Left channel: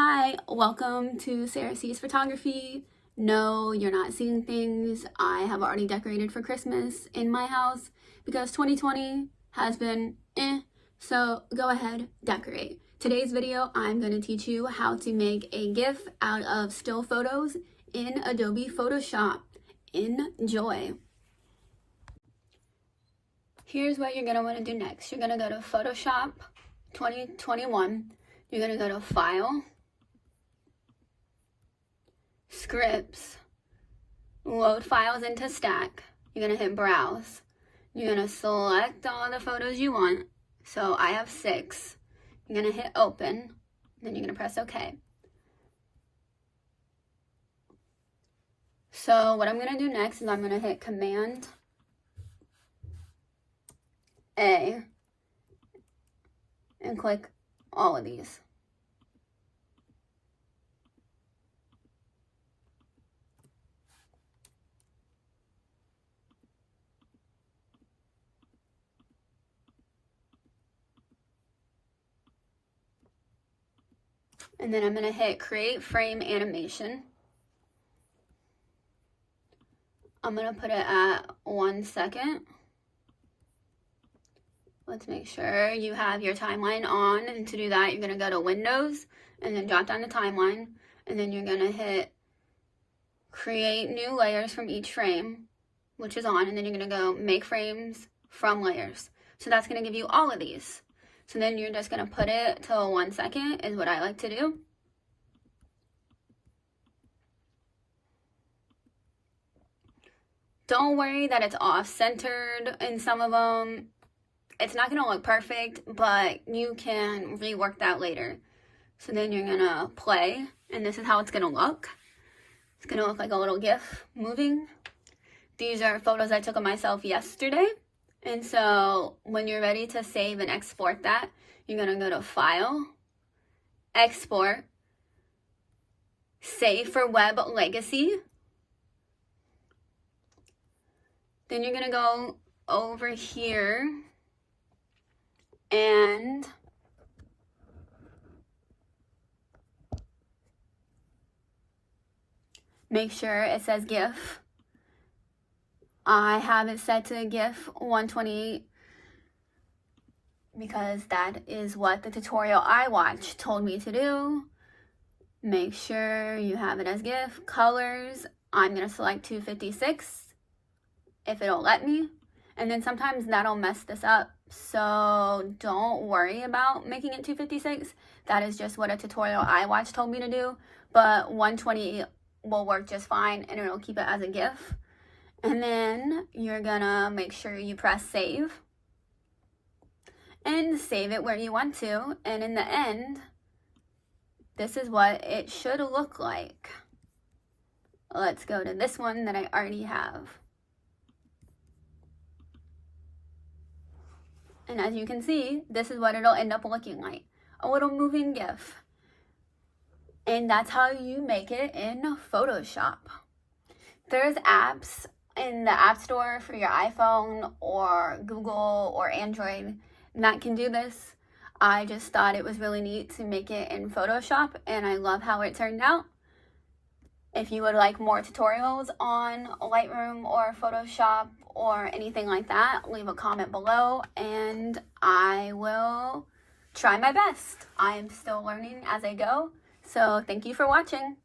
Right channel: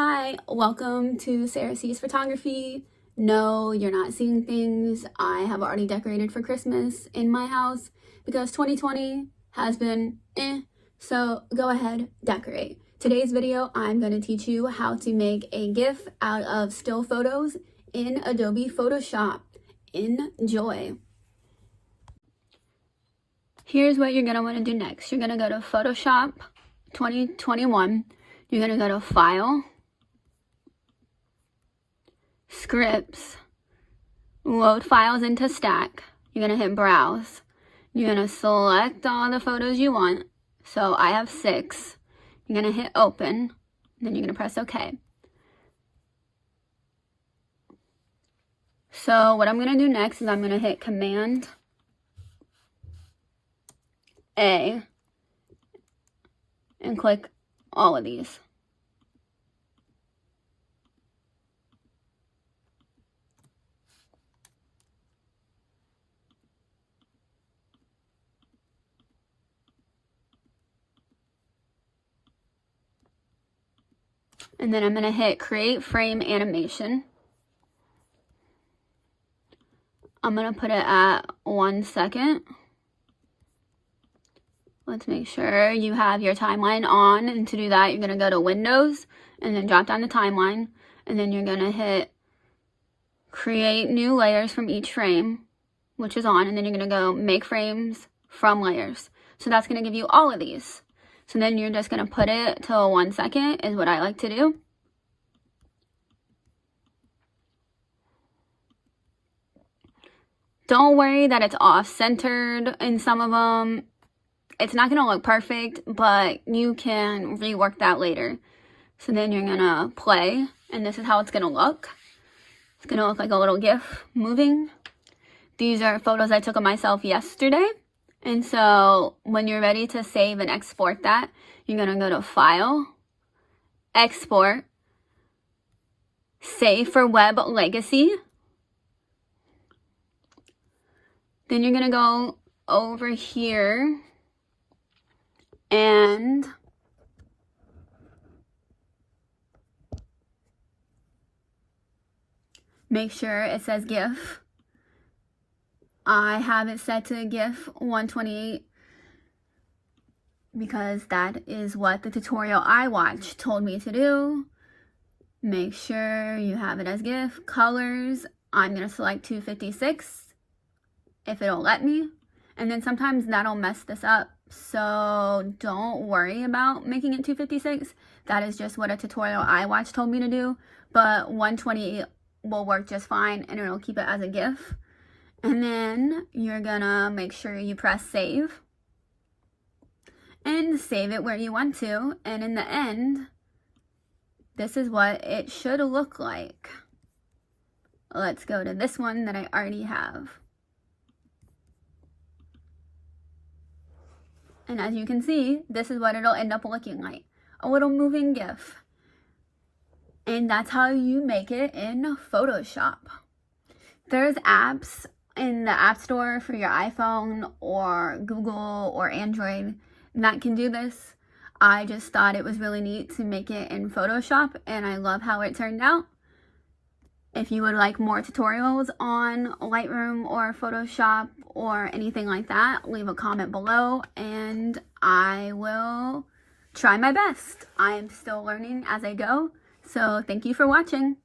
Hi, welcome to Sarah C's Photography. No, you're not seeing things I have already decorated for Christmas in my house because 2020 has been so go ahead, decorate. Today's video, I'm going to teach you how to make a GIF out of still photos in Adobe Photoshop. Enjoy. Here's what you're going to want to do next. You're going to go to Photoshop 2021. You're going to go to File, Scripts, load files into stack. You're going to hit browse. You're going to select all the photos you want. So I have 6. You're going to hit open. Then you're going to press OK. So what I'm going to do next is I'm going to hit Command A and click all of these. And then I'm going to hit Create Frame Animation. I'm going to put it at 1 second. Let's make sure you have your timeline on. And to do that, you're going to go to Windows and then drop down the timeline. And then you're going to hit Create New Layers from each frame, which is on. And then you're going to go Make Frames from Layers. So that's going to give you all of these. So then you're just going to put it till 1 second is what I like to do. Don't worry that it's off-centered in some of them. It's not going to look perfect, but you can rework that later. So then you're going to play, and this is how it's going to look. It's going to look like a little GIF moving. These are photos I took of myself yesterday. And so when you're ready to save and export that, you're going to go to File, Export, Save for Web Legacy. Then you're going to go over here and make sure it says GIF. I have it set to GIF 128 because that is what the tutorial I watched told me to do. Make sure you have it as GIF. Colors, I'm going to select 256 if it'll let me. And then sometimes that'll mess this up. So don't worry about making it 256. That is just what a tutorial I watched told me to do. But 128 will work just fine and it'll keep it as a GIF. And then you're gonna make sure you press save and save it where you want to. And in the end, this is what it should look like. Let's go to this one that I already have. And as you can see, this is what it'll end up looking like. A little moving GIF. And that's how you make it in Photoshop. There's apps in the App Store for your iPhone or Google or Android that can do this. I just thought it was really neat to make it in Photoshop and I love how it turned out. If you would like more tutorials on Lightroom or Photoshop or anything like that, leave a comment below and I will try my best. I'm still learning as I go, so thank you for watching.